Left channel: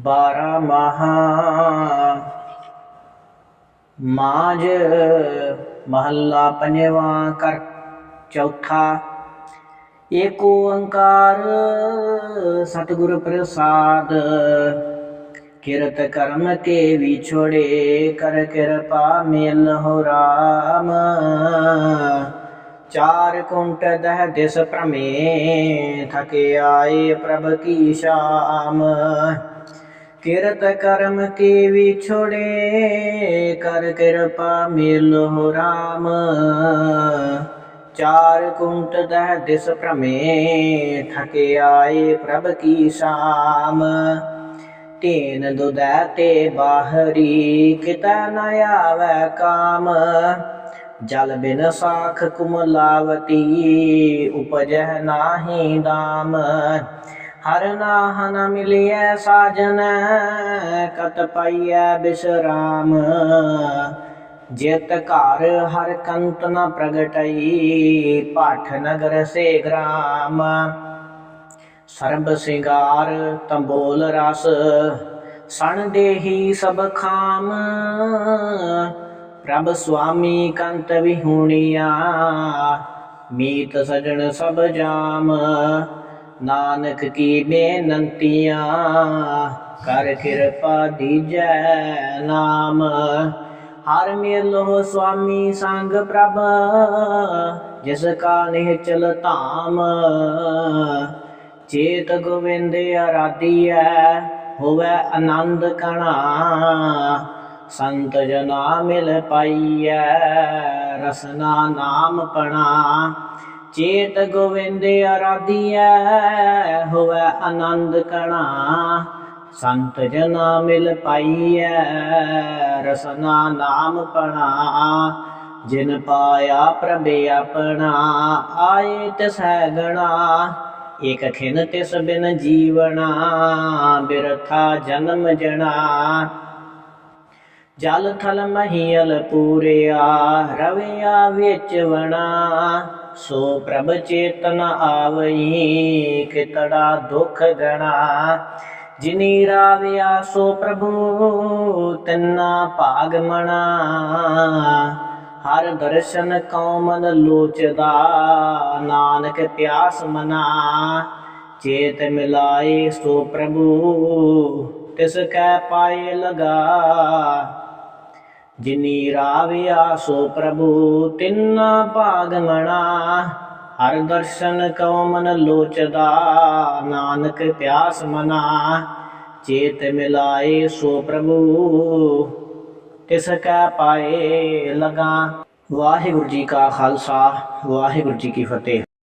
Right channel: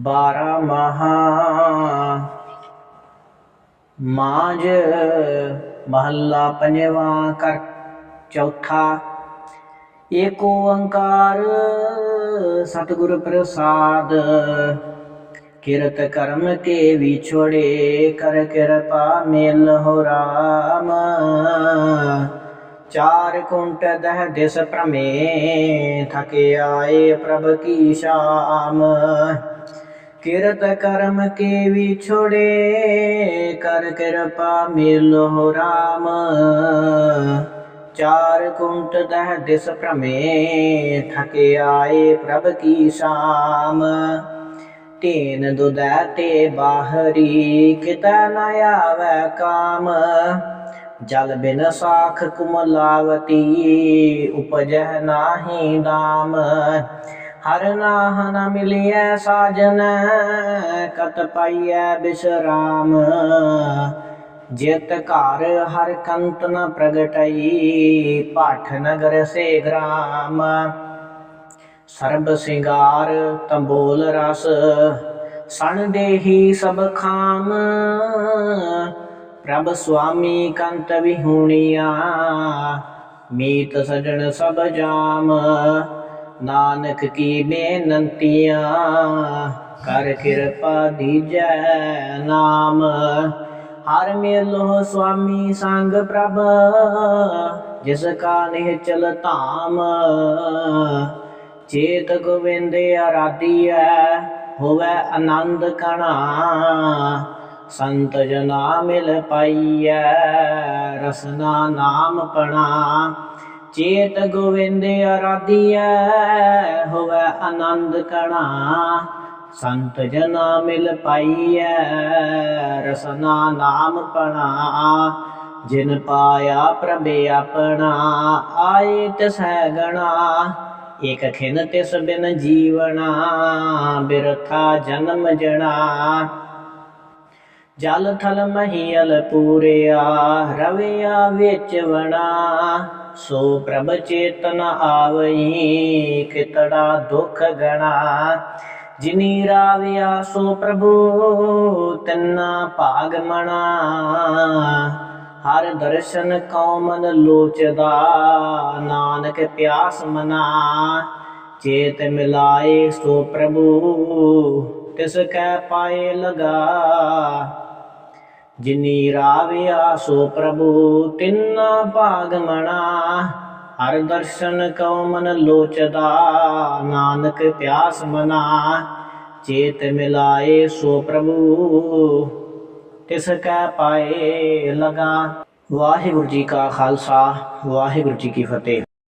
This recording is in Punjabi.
ਬਾਰਾ ਮਹਾ। ਮਾਜ ਮਹੱਲਾ ਪੰਜਵਾਂ ਕਰ ਚੌਥਾ। ਏਕ ਓੰਕਾਰ ਸਤਿਗੁਰ ਪ੍ਰਸਾਦ, ਕਿਰਤ ਕਰਮ ਕੇ ਵਿਛੋੜੇ ਕਰ ਕਿਰਪਾ ਮਿਲ ਹੋ ਰਾਮ। ਚਾਰ ਕੁੰਟ ਦਹ ਦਿਸ ਭ੍ਰਮੇ, ਥਕੇ ਆਏ ਪ੍ਰਭ ਕੀ ਸ਼ਾਮ। ਕਿਰਤ ਕਰਮ ਕੇ ਵਿਛੋੜੇ ਕਰ ਕਿਰਪਾ ਮਿਲ ਰਾਮ। ਚਾਰ ਕੁੰਟ ਦਹ ਦਿਸ ਭ੍ਰਮੇ ਥਕੇ ਆਏ ਪ੍ਰਭ ਕੀ ਸ਼ਾਮ। ਤੇਨ ਦੁਦੈ ਤੇ ਬਾਹਰੀ, ਕਿਤੈ ਨ ਆਵੈ ਕਾਮ। ਜਲ ਬਿਨ ਸਾਖ ਕੁਮਲਾਵਤੀ, ਉਪਜਹ ਨਾਹੀ ਦਾਮ ਹਰ ਨਾਹ ਨ ਮਿਲਿਐ ਸਾਜਨ, ਕਤ ਪਾਈਐ ਬਿਸਰਾਮ। ਜਿਤ ਘਰ ਹਰ ਕੰਤ ਨ ਪ੍ਰਗਟਈ ਪਾਠ ਨਗਰ ਸੇ ਗ੍ਰਾਮ। ਸਰਬ ਸਿੰਗਾਰ ਤੰਬੋਲ ਰਸ, ਸਣ ਦੇਹੀ ਸਭ ਖਾਮ। ਪ੍ਰਭ ਸੁਆਮੀ ਕੰਤ ਵਿਹੂਣੀਆ, ਮੀਤ ਸਜਣ ਸਭ ਜਾਮ। ਨਾਨਕ ਕੀ ਬੇਨੰਤੀਆਂ ਕਰ ਕਿਰਪਾ ਦੀਜੈ ਨਾਮ। ਹਰ ਮੇਲੋ ਸੁਆਮੀ ਸੰਗ ਪ੍ਰਭ, ਜਿਸ ਕਾ ਨਿਹਚਲ ਧਾਮ। ਚੇਤ ਗੋਵਿੰਦ ਆਰਾਧੀਐ, ਹੋਵੇ ਆਨੰਦ ਕਣਾ। ਸੰਤ ਜਨਾ ਮਿਲ ਪਾਈਐ, ਰਸਨਾ ਨਾਮ ਪਣਾ। ਚੇਤ ਗੋਵਿੰਦ ਆਰਾਧੀਐ, ਹੋਵੇ ਆਨੰਦ ਕਣਾ। ਸੰਤ ਜਨਾ ਮਿਲ ਪਾਈਐ, ਰਸਨਾ ਨਾਮ ਪਣਾ। ਜਿਨ ਪਾਇਆ ਪ੍ਰਭੇ ਆਪਣਾ, ਆਏ ਤਿਸੈ ਗਣਾ। ਇਕ ਖਿਨ ਤਿਸ ਬਿਨ ਜੀਵਣਾ, ਬਿਰਥਾ ਜਨਮ ਜਣਾ। ਜਲ ਥਲ ਮਹੀਲ ਪੂਰਿਆ, ਰਵਿਆ ਵਿੱਚ ਵਣਾ। ਸੋ ਪ੍ਰਭ ਚੇਤਨ ਆਵਈ, ਕਿਤੜਾ ਦੁਖ ਗਣਾ। ਜਿਨੀ ਰਾਵਿਆ, ਸੋ ਪ੍ਰਭੂ ਤਿੰਨਾ ਭਾਗ ਮਣਾ। ਹਰ ਦਰਸ਼ਨ ਕੌਮਨ ਲੋਚਦਾ, ਨਾਨਕ ਪਿਆਸ ਮਨਾ। ਚੇਤ ਮਿਲਾਏ ਸੋ ਪ੍ਰਭੂ, ਤਿਸ ਕੈ ਪਾਏ ਲਗਾ। ਜਿਨੀ ਰਾਵਿਆ ਸੋ ਪ੍ਰਭੂ, ਤਿੰਨਾ ਭਾਗਮਣਾ ਹਰ ਦਰਸ਼ਨ ਕਉ ਮਨ ਲੋਚਦਾ, ਨਾਨਕ ਪਿਆਸ ਮਨਾ। ਚੇਤ ਮਿਲਾਏ ਸੋ ਪ੍ਰਭੂ, ਤਿਸ ਕੈ ਪਾਏ ਲਗਾ। ਵਾਹਿਗੁਰੂ ਜੀ ਕਾ ਖਾਲਸਾ, ਵਾਹਿਗੁਰੂ ਜੀ ਕੀ ਫਤਿਹ।